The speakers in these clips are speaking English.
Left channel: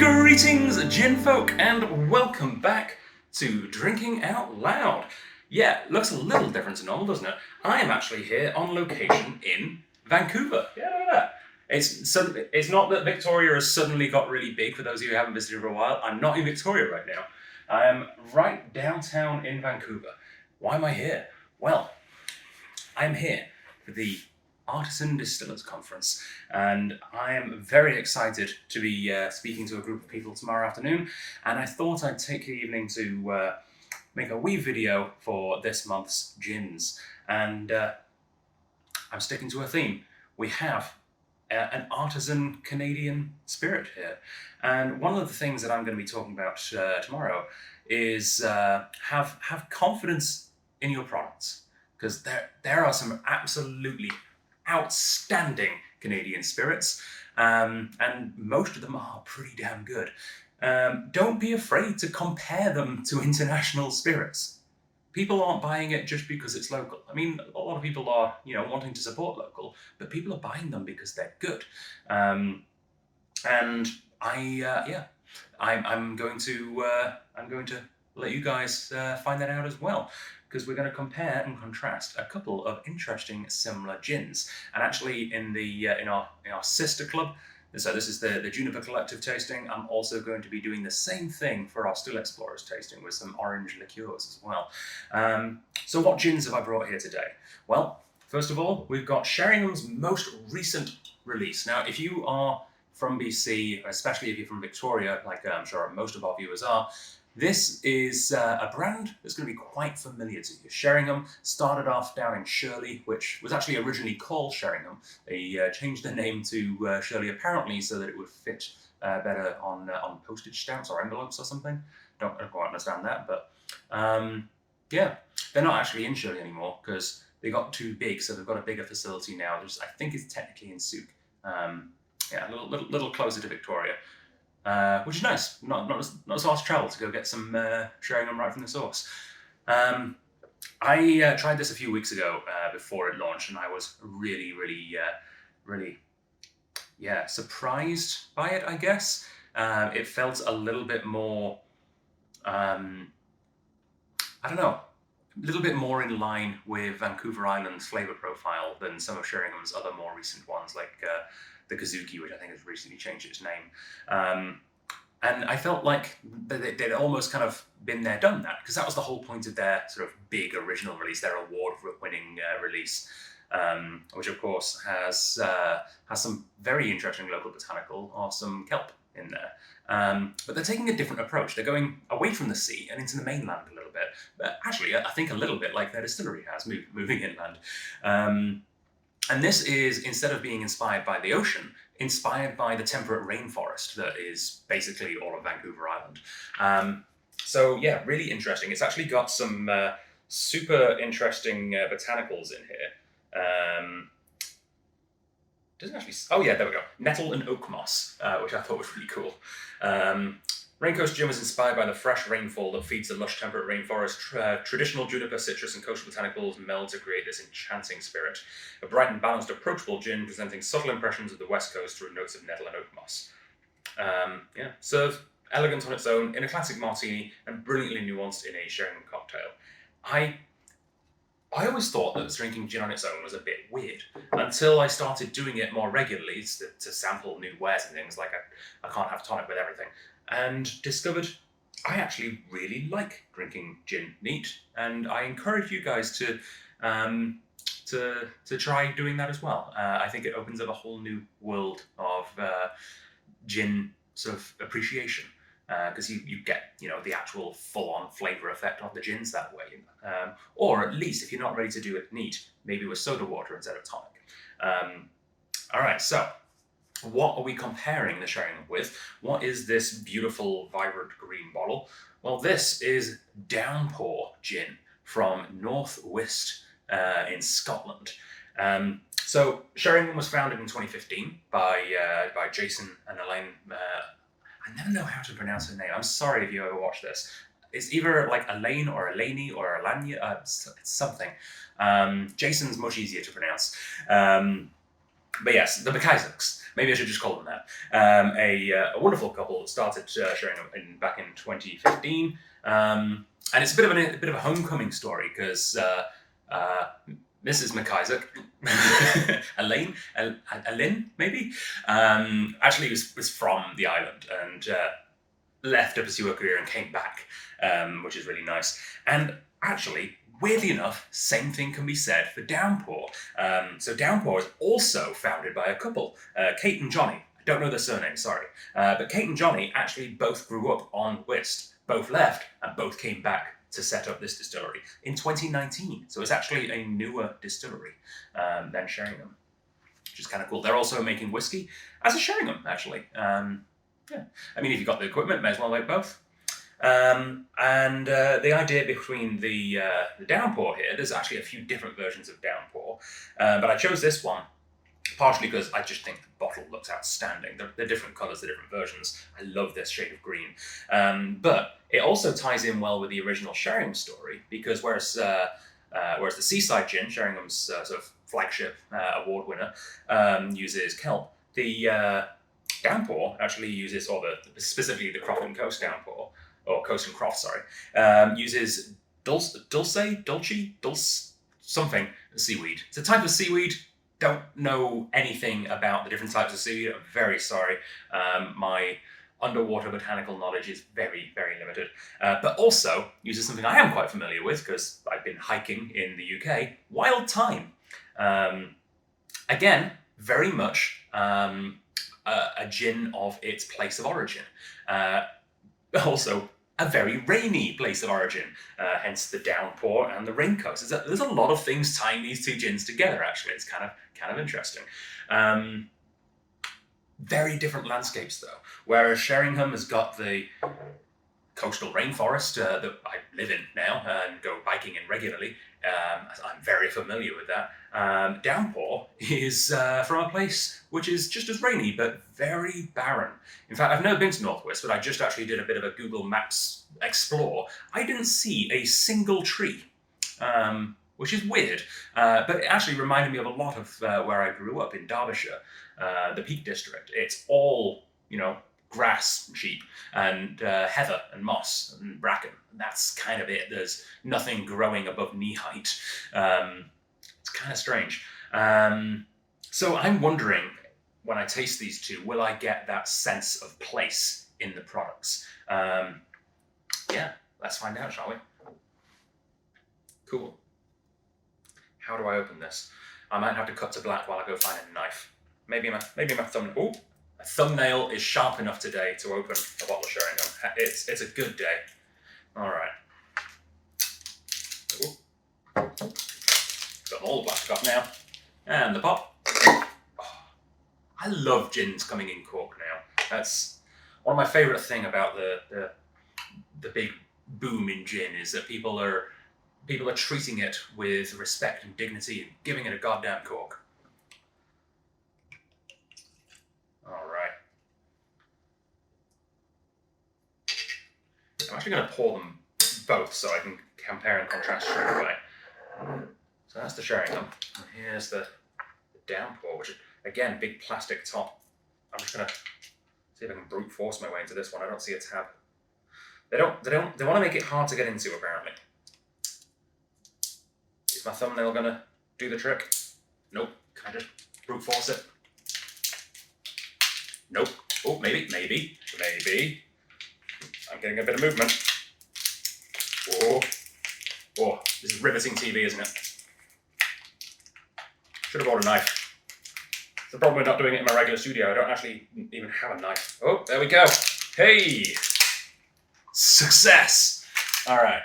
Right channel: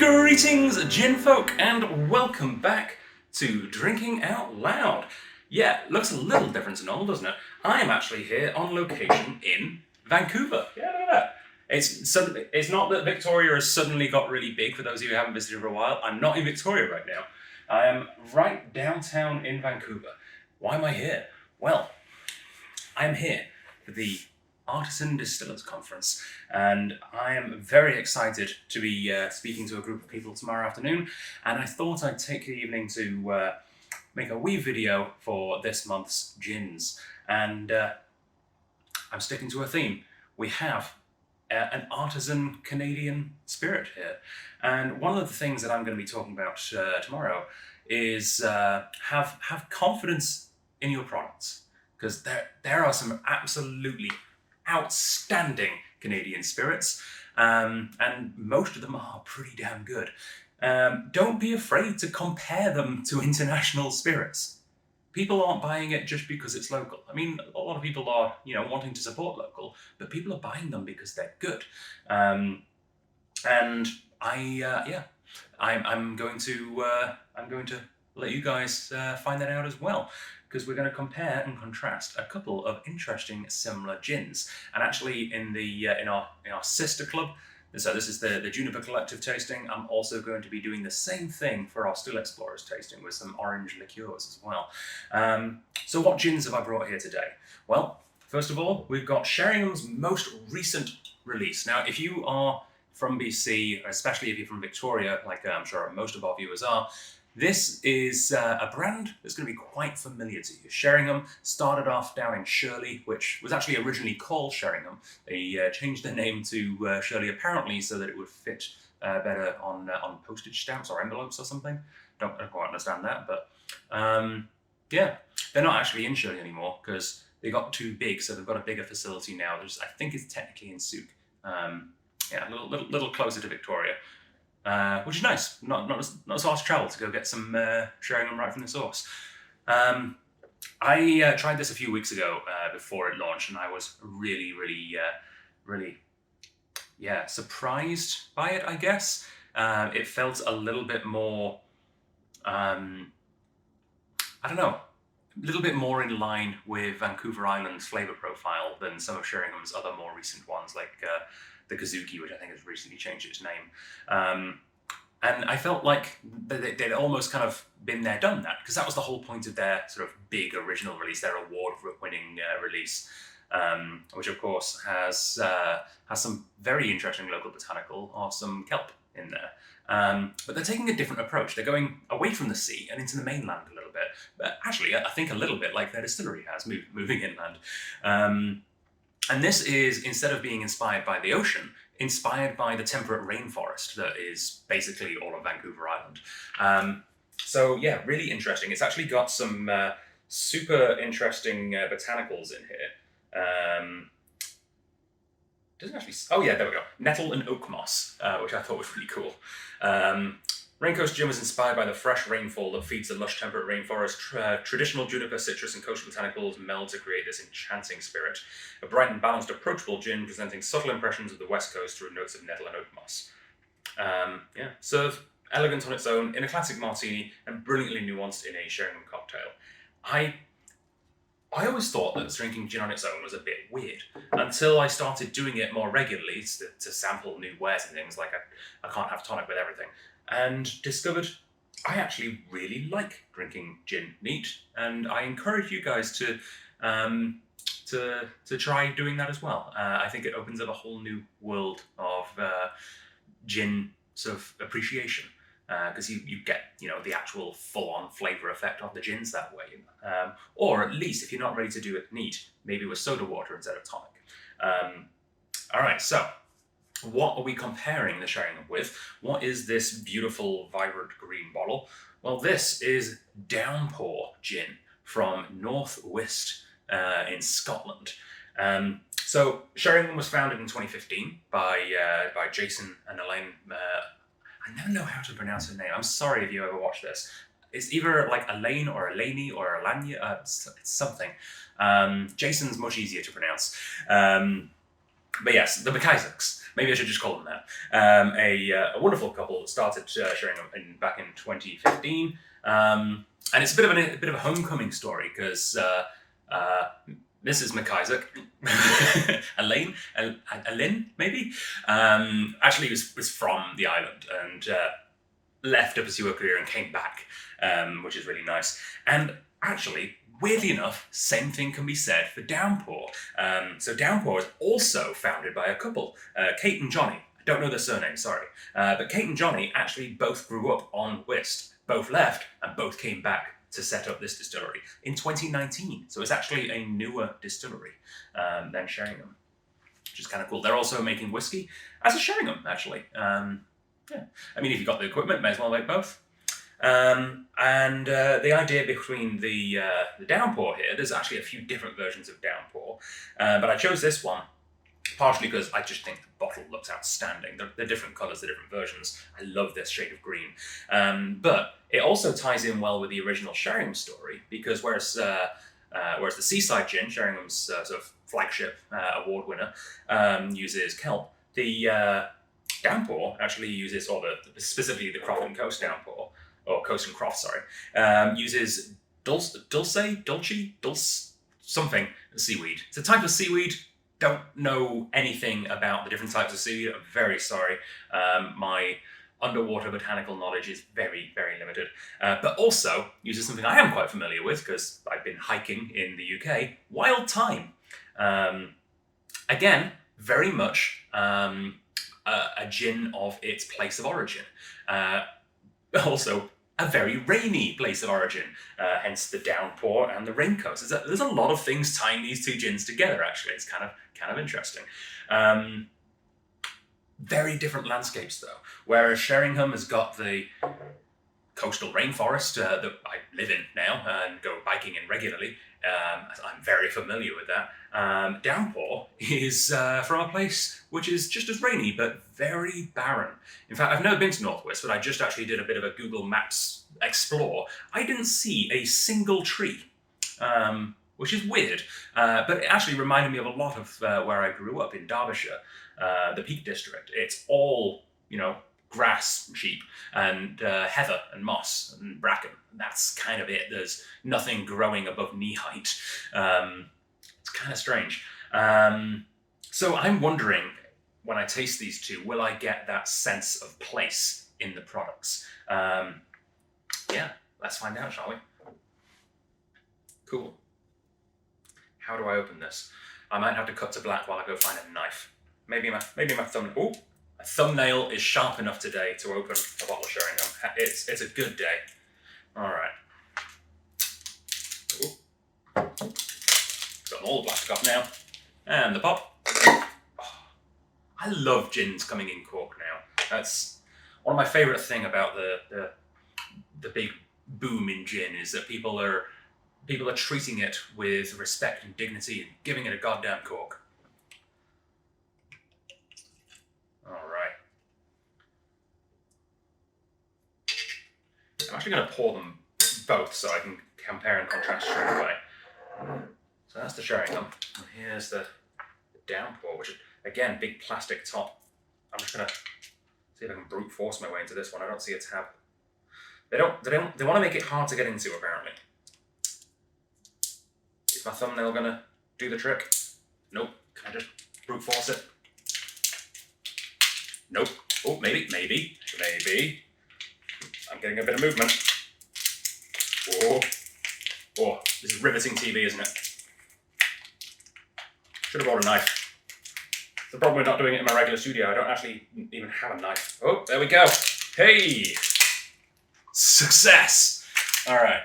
Greetings, gin folk, and welcome back to Drinking Out Loud. Yeah, looks a little different to normal, doesn't it? I am actually here on location in Vancouver. Yeah, look at that. It's not that Victoria has suddenly got really big, for those of you who haven't visited for a while. I'm not in Victoria right now. I am right downtown in Vancouver. Why am I here? Well, I'm here for the Artisan Distillers Conference, and I am very excited to be speaking to a group of people tomorrow afternoon, and I thought I'd take the evening to make a wee video for this month's gins, and I'm sticking to a theme. We have an artisan Canadian spirit here, and one of the things that I'm going to be talking about tomorrow is have confidence in your products, because there are some absolutely outstanding Canadian spirits, and most of them are pretty damn good. Don't be afraid to compare them to international spirits. People aren't buying it just because it's local. I mean, a lot of people are, wanting to support local, but people are buying them because they're good. And I'm going to let you guys find that out as well, because we're going to compare and contrast a couple of interesting similar gins. And actually, in our sister club, so this is the Juniper Collective tasting, I'm also going to be doing the same thing for our Still Explorers tasting with some orange liqueurs as well. So what gins have I brought here today? Well, first of all, we've got Sheringham's most recent release. Now, if you are from BC, especially if you're from Victoria, like I'm sure most of our viewers are, this is a brand that's going to be quite familiar to you. Sheringham started off down in Shirley, which was actually originally called Sheringham. They changed their name to Shirley apparently so that it would fit better on postage stamps or envelopes or something. Don't quite understand that, but yeah, they're not actually in Shirley anymore because they got too big, so they've got a bigger facility now, which I think is technically in Souk. Yeah, a little closer to Victoria. Which is nice, not as far to travel to go get some Sheringham right from the source. I tried this a few weeks ago before it launched, and I was really surprised by it, I guess. It felt a little bit more, I don't know, a little bit more in line with Vancouver Island's flavour profile than some of Sheringham's other more recent ones, like the Kazuki, which I think has recently changed its name. And I felt like they'd almost kind of been there, done that, because that was the whole point of their sort of big original release, their award-winning release, which of course has some very interesting local botanical or some kelp in there. But they're taking a different approach. They're going away from the sea and into the mainland a little bit. But actually, I think a little bit like their distillery has, moving inland. And this is, instead of being inspired by the ocean, inspired by the temperate rainforest that is basically all of Vancouver Island. So yeah, really interesting. It's actually got some super interesting botanicals in here. Doesn't actually. Oh yeah, there we go. Nettle and oak moss, which I thought was really cool. Raincoast gin was inspired by the fresh rainfall that feeds the lush temperate rainforest. Traditional juniper, citrus, and coastal botanicals meld to create this enchanting spirit. A bright and balanced, approachable gin presenting subtle impressions of the West Coast through notes of nettle and oak moss. Served elegant on its own in a classic martini and brilliantly nuanced in a Sheringham cocktail. I always thought that drinking gin on its own was a bit weird until I started doing it more regularly to sample new wares and things, like I can't have tonic with everything. And discovered I actually really like drinking gin neat, and I encourage you guys to try doing that as well. I think it opens up a whole new world of gin sort of appreciation, because you get the actual full-on flavour effect of the gins that way, or at least if you're not ready to do it neat, maybe with soda water instead of tonic. All right, so. What are we comparing the Sheringham with? What is this beautiful, vibrant green bottle? Well, this is Downpour gin from North Uist in Scotland. So Sheringham was founded in 2015 by Jason and Elaine. I never know how to pronounce her name. I'm sorry if you ever watch this. It's either like Elaine or Eleni or Elania. It's something. Jason's much easier to pronounce. But yes, the McIsaacs. Maybe I should just call them that. A wonderful couple that started Sheringham back in 2015, and it's a bit of a homecoming story because Mrs. McIsaac, Elaine, maybe, actually was from the island and left to pursue a career and came back, which is really nice. And actually, weirdly enough, same thing can be said for Downpour. So Downpour is also founded by a couple, Kate and Johnny. I don't know their surname, sorry. But Kate and Johnny actually both grew up on whist, both left, and both came back to set up this distillery in 2019. So it's actually a newer distillery than Sheringham, which is kind of cool. They're also making whiskey as a Sheringham, actually. Yeah, I mean, if you've got the equipment, may as well make both. And the idea between the Downpour here, there's actually a few different versions of Downpour, but I chose this one partially because I just think the bottle looks outstanding. They're different colours, the different versions. I love this shade of green. But it also ties in well with the original Sheringham story because whereas the Seaside Gin, Sheringham's sort of flagship award winner, uses kelp, the Downpour actually uses, specifically the Croft and Coast Downpour, or Coast and Croft, sorry, uses dulce, something, seaweed. It's a type of seaweed. Don't know anything about the different types of seaweed. I'm very sorry. My underwater botanical knowledge is very, very limited. But also uses something I am quite familiar with because I've been hiking in the UK, wild thyme. Again, very much a gin of its place of origin. Also, a very rainy place of origin, hence the Downpour and the Raincoast. There's a lot of things tying these two gins together, actually. It's kind of interesting. Very different landscapes, though. Whereas Sheringham has got the coastal rainforest that I live in now and go biking in regularly. I'm very familiar with that. Downpour is from a place which is just as rainy, but very barren. In fact, I've never been to Northwest, but I just actually did a bit of a Google Maps explore. I didn't see a single tree, which is weird, but it actually reminded me of a lot of where I grew up in Derbyshire, the Peak District. It's all, grass, sheep, and heather and moss and bracken. That's kind of it. There's nothing growing above knee height. It's kind of strange. So I'm wondering, when I taste these two, will I get that sense of place in the products? Yeah, let's find out, shall we? Cool. How do I open this? I might have to cut to black while I go find a knife. Maybe my thumbnail. Ooh, a thumbnail is sharp enough today to open a bottle of Sheringham. It's a good day. All right. Ooh. Got all the plastic off now, and the pop. I love gins coming in cork now. That's one of my favourite thing about the big boom in gin is that people are treating it with respect and dignity and giving it a goddamn cork. All right. I'm actually going to pour them both so I can compare and contrast straight away. So that's the Sheringham. And here's the Downpour, which is, again, big plastic top. I'm just going to see if I can brute force my way into this one. I don't see a tab. They want to make it hard to get into, apparently. Is my thumbnail going to do the trick? Nope. Can I just brute force it? Nope. Oh, maybe. I'm getting a bit of movement. Oh, this is riveting TV, isn't it? Should have brought a knife. The problem with not doing it in my regular studio, I don't actually even have a knife. Oh, there we go. Hey! Success! All right.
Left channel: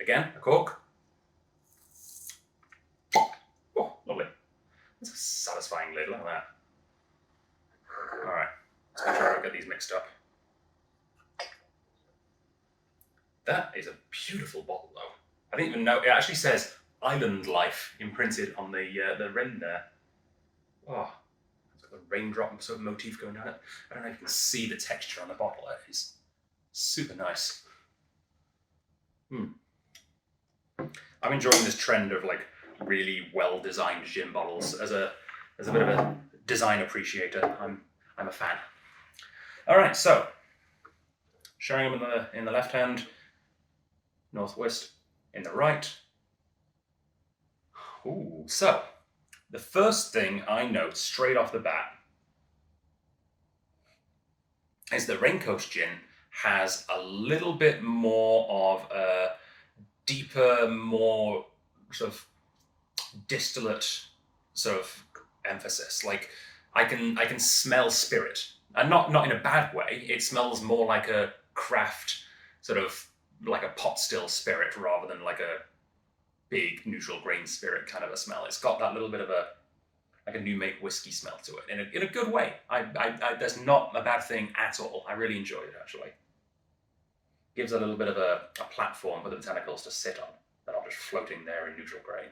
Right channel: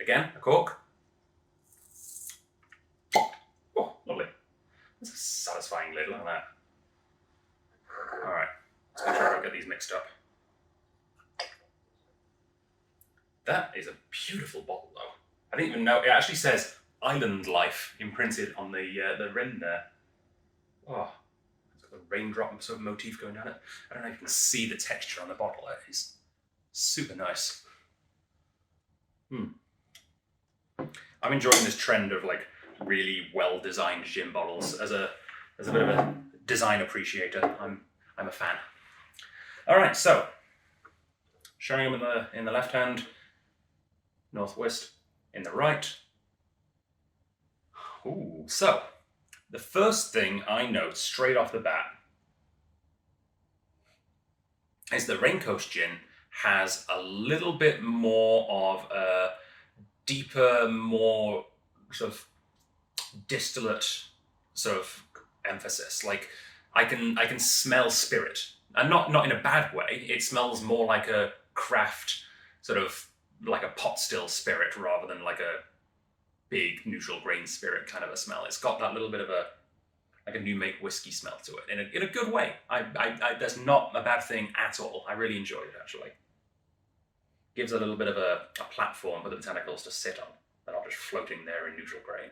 Again, a cork. Oh, lovely. That's a satisfying lid, look at that. All right, let's make sure I don't get these mixed up. That is a beautiful bottle, though. I didn't even know, it actually says Island Life imprinted on the rim there. Oh, it's like a raindrop sort of motif going down it. I don't know if you can see the texture on the bottle there. It's super nice. I'm enjoying this trend of like really well-designed gin bottles. As a As a bit of a design appreciator, I'm a fan. All right, so Sheringham in the left hand, Northwest in the right. Ooh, so the first thing I note straight off the bat is that Raincoast gin has a little bit more of a deeper, more sort of distillate sort of emphasis. Like I can smell spirit, and not in a bad way. It smells more like a craft sort of like a pot still spirit rather than like a big neutral grain spirit kind of a smell. It's got that little bit of a like a new make whiskey smell to it in a good way. I that's not a bad thing at all. I really enjoy it actually. Gives a little bit of a platform for the botanicals to sit on. They're not just floating there in neutral grain.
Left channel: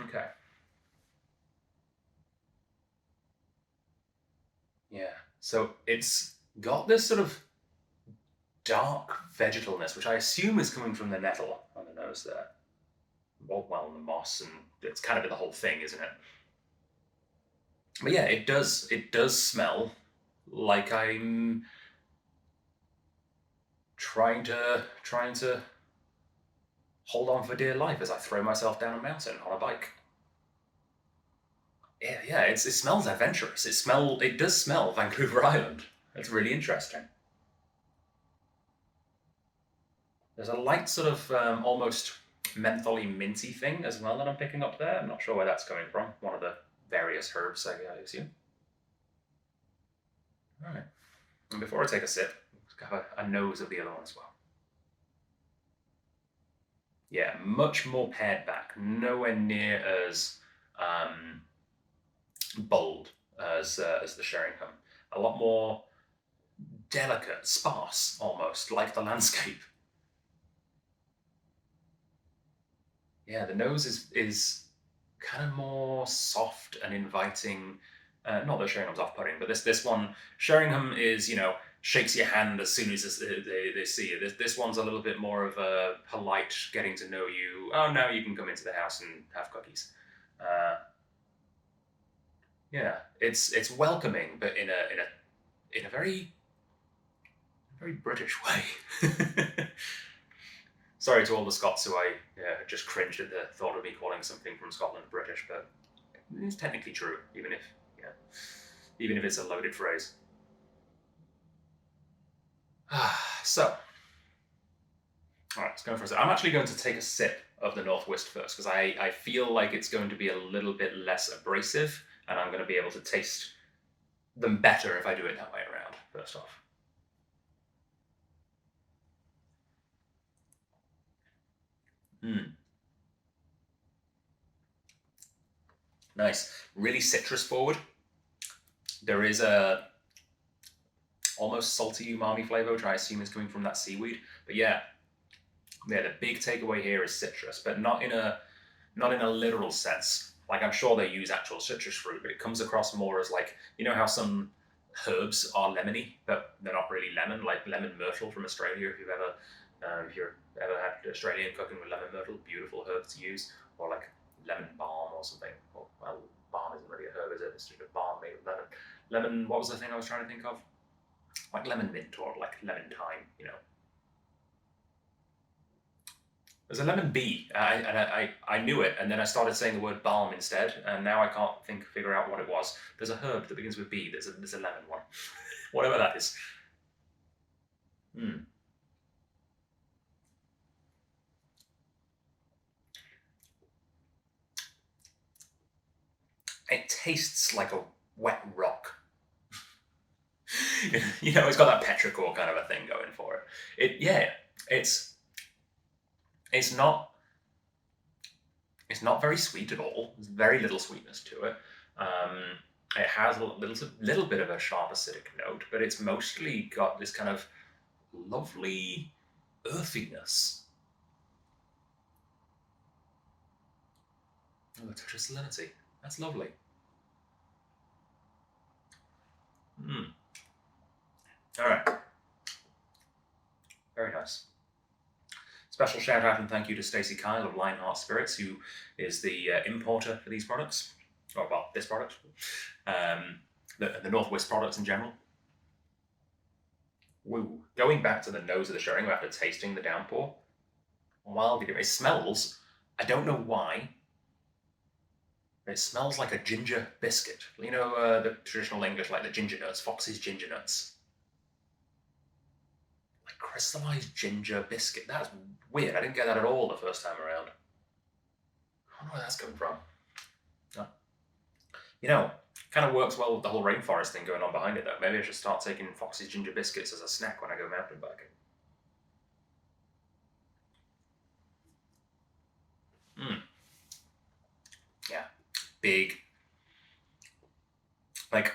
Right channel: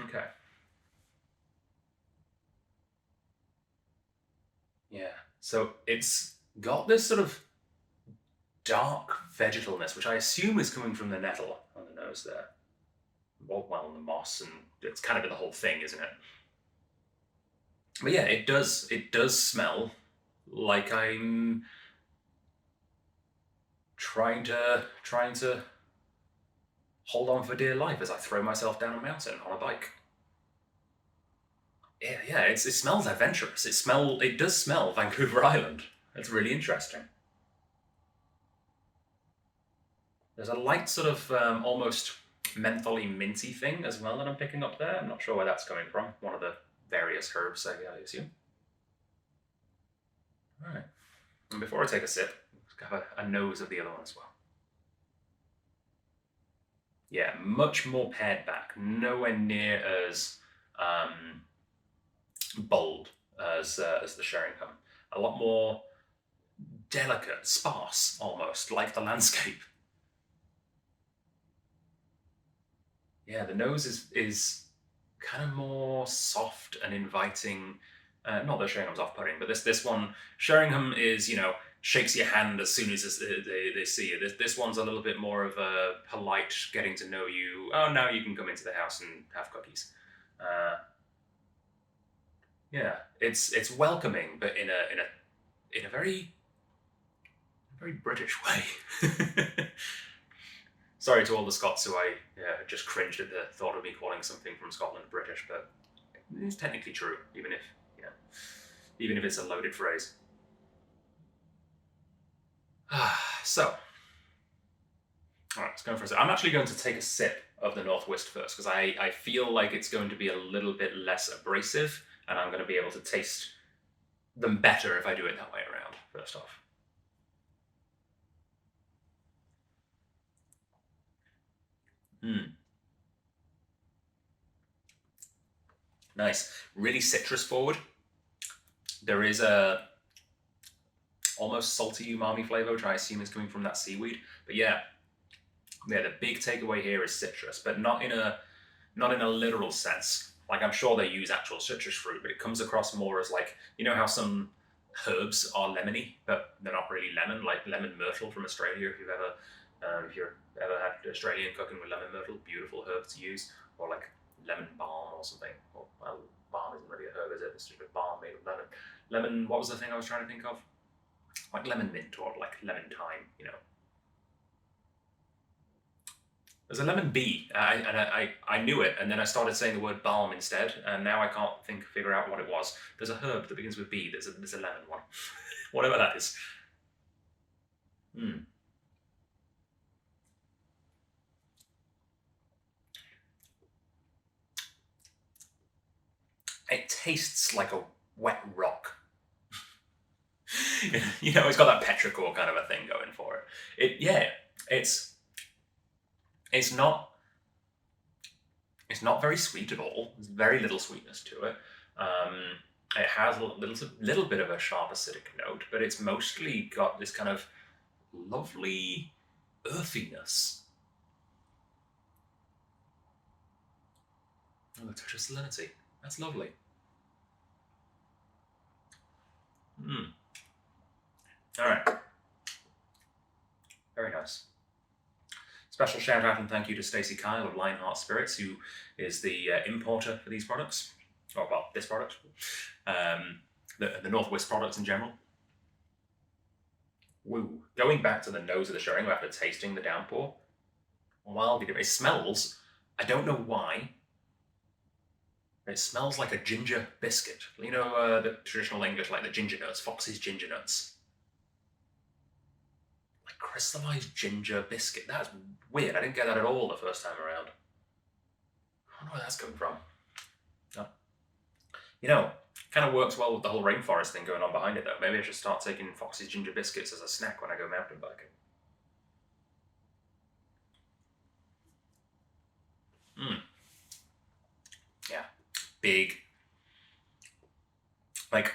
Okay. Yeah. So it's got this sort of dark vegetalness, which I assume is coming from the nettle on the nose there. Well, the moss, and it's kind of the whole thing, isn't it? But yeah, it does smell like I'm trying to hold on for dear life as I throw myself down a mountain on a bike. Yeah, it smells adventurous. It does smell Vancouver Island. It's really interesting. There's a light sort of almost mentholy minty thing as well that I'm picking up there. I'm not sure where that's coming from. One of the various herbs, I assume. All right. And before I take a sip, let's have a nose of the other one as well. Yeah, much more pared back. Nowhere near as bold as the Sheringham. A lot more delicate, sparse, almost like the landscape. Yeah, the nose is kind of more soft and inviting. Not that Sheringham's off-putting, but this one, Sheringham is, shakes your hand as soon as they see you. This one's a little bit more of a polite, getting to know you. Oh, now you can come into the house and have cookies. Yeah, it's welcoming, but in a very British way. Sorry to all the Scots who I just cringed at the thought of me calling something from Scotland British, but it's technically true, even if it's a loaded phrase. So, all right, let's go for a sip. I'm actually going to take a sip of the Northwest first because I feel like it's going to be a little bit less abrasive, and I'm going to be able to taste them better if I do it that way around. First off. Nice. Really citrus forward. There is a almost salty umami flavor, which I assume is coming from that seaweed. But yeah, the big takeaway here is citrus, but not in a literal sense. Like I'm sure they use actual citrus fruit, but it comes across more as like, how some herbs are lemony, but they're not really lemon, like lemon myrtle from Australia. If you've ever had Australian cooking with lemon myrtle, beautiful herb to use, or like lemon balm or something. Well, balm isn't really a herb, is it? It's just a balm made of lemon. Lemon, what was the thing I was trying to think of? Like lemon mint or like lemon thyme, There's a lemon bee, I knew it, and then I started saying the word balm instead, and now I can't figure out what it was. There's a herb that begins with B. There's a lemon one, whatever that is. It tastes like a wet rock. It's got that petrichor kind of a thing going for it. It's not very sweet at all. There's very little sweetness to it. It has a little bit of a sharp acidic note, but it's mostly got this kind of lovely earthiness. Oh, a touch of salinity. That's lovely. All right. Very nice. Special shout out and thank you to Stacey Kyle of Lionheart Spirits, who is the importer for these products. Oh, well, this product. The Northwest products in general. Woo. Going back to the nose of the Sheringham after tasting the Downpour, while it smells, I don't know why, it smells like a ginger biscuit. You know, the traditional English, like the ginger nuts, Fox's ginger nuts. Like crystallized ginger biscuit. That's weird. I didn't get that at all the first time around. I don't know where that's coming from. You know, kind of works well with the whole rainforest thing going on behind it, though. Maybe I should start taking Fox's ginger biscuits as a snack when I go mountain biking. Yeah. Big. Like,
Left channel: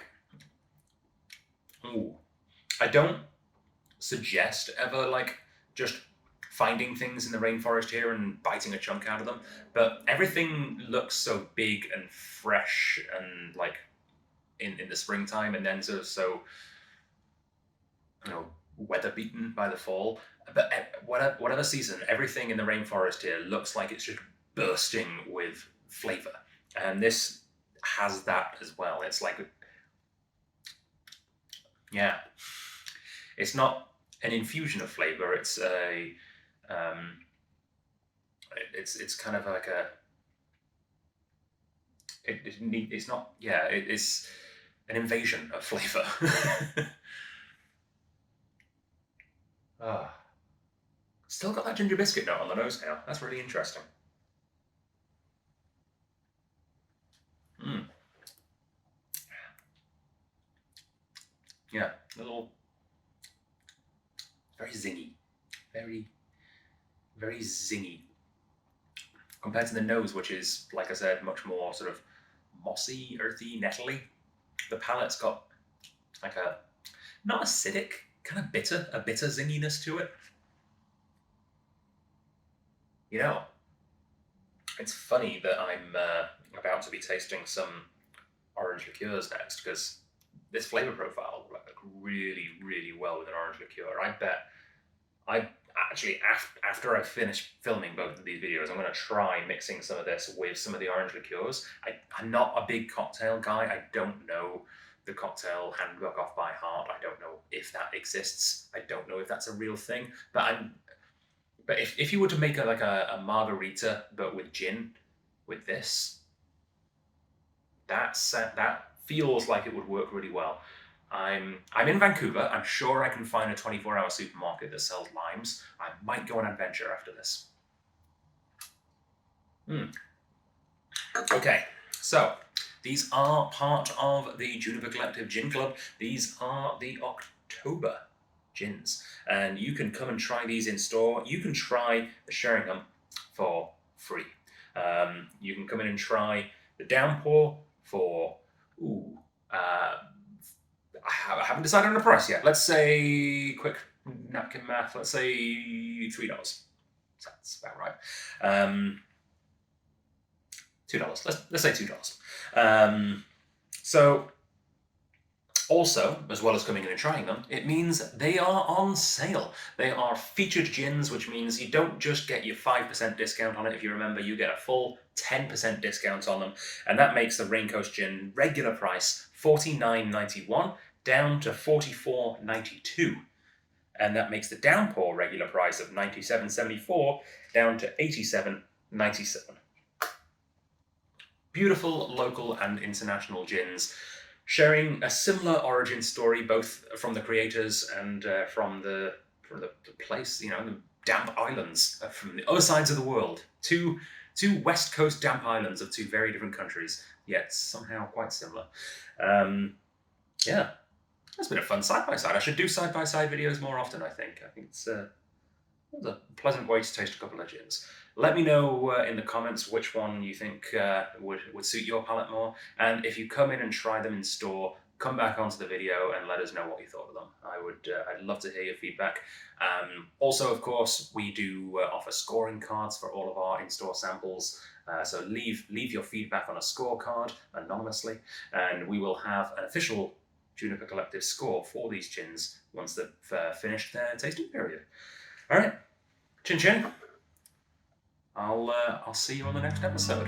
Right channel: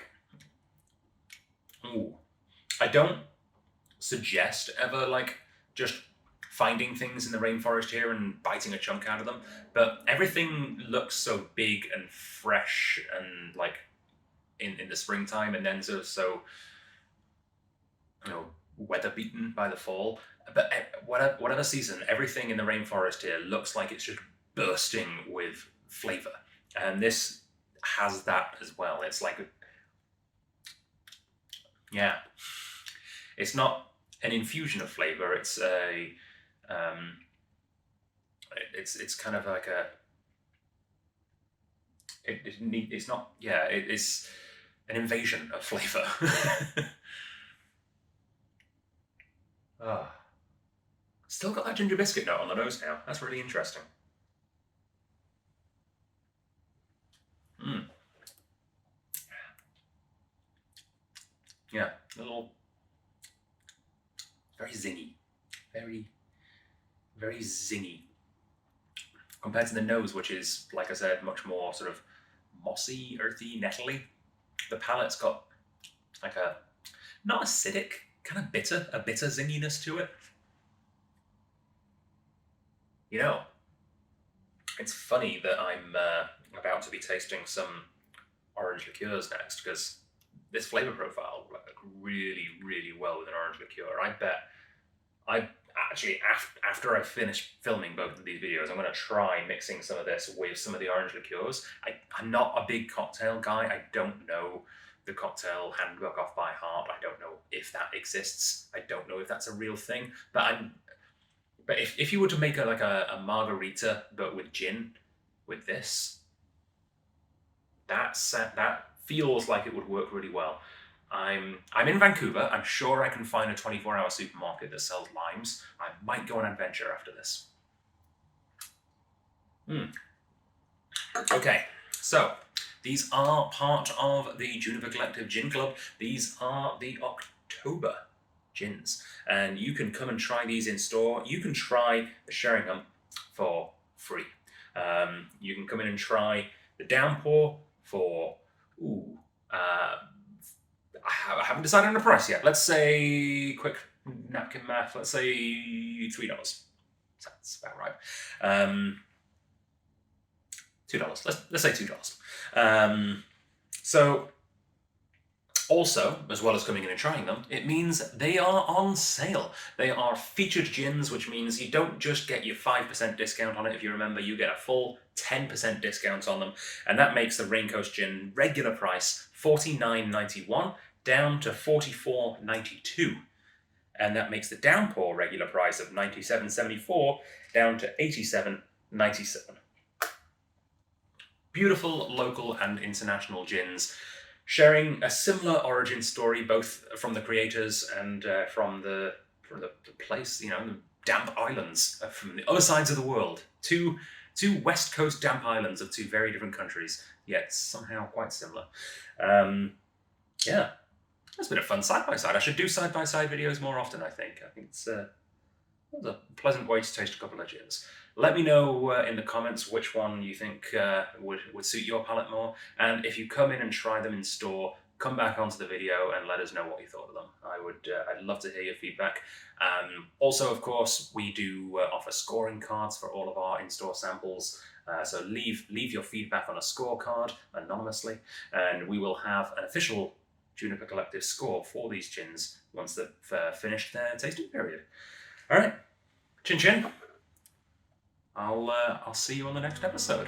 ooh. I don't suggest ever, like, just finding things in the rainforest here and biting a chunk out of them, but everything looks so big and fresh and, like, in the springtime, and then sort of so, you know, weather beaten by the fall. But whatever season, everything in the rainforest here looks like it's just bursting with flavor, and this has that as well. It's like, yeah, it's not an infusion of flavor. It's a it's kind of like a it's not, yeah, it's an invasion of flavor. Still got that ginger biscuit note on the nose now. That's really interesting. Yeah, a little, very zingy, very zingy, compared to the nose, which is, like I said, much more sort of mossy, earthy, nettly. The palate's got like a, not acidic, kind of bitter, a bitter zinginess to it. You know, it's funny that I'm about to be tasting some orange liqueurs next, because this flavor profile works really, really well with an orange liqueur. I bet I actually, after I finish filming both of these videos, I'm going to try mixing some of this with some of the orange liqueurs. I'm not a big cocktail guy. I don't know the cocktail handbook off by heart. I don't know if that exists. I don't know if that's a real thing. But if you were to make a margarita but with gin, with this, that feels like it would work really well. I'm in Vancouver. I'm sure I can find a 24-hour supermarket that sells limes. I might go on an adventure after this. Okay, so these are part of the Juniper Collective Gin Club. These are the October gins, and you can come and try these in store. You can try the Sheringham for free. You can come in and try the Downpour for, I haven't decided on a price yet. Let's say, quick napkin math, let's say $3. That's about right. $2. Let's say $2. So, also, as well as coming in and trying them, it means they are on sale. They are featured gins, which means you don't just get your 5% discount on it. If you remember, you get a full 10% discount on them. And that makes the Raincoast gin regular price $49.91 down to $44.92. And that makes the Downpour regular price of $97.74 down to $87.97. Beautiful local and international gins, sharing a similar origin story, both from the creators and from the place, you know, the damp islands from the other sides of the world. Two West Coast damp islands of two very different countries, yet somehow quite similar. Yeah, that's been a fun side-by-side. I should do side-by-side videos more often, I think. I think it's a pleasant way to taste a couple of gins. Let me know in the comments which one you think would suit your palate more. And if you come in and try them in store, come back onto the video and let us know what you thought of them. I'd love to hear your feedback. Also, of course, we do offer scoring cards for all of our in-store samples. So leave your feedback on a scorecard anonymously, and we will have an official Juniper Collective score for these gins once they've finished their tasting period. All right, chin chin. I'll see you on the next episode.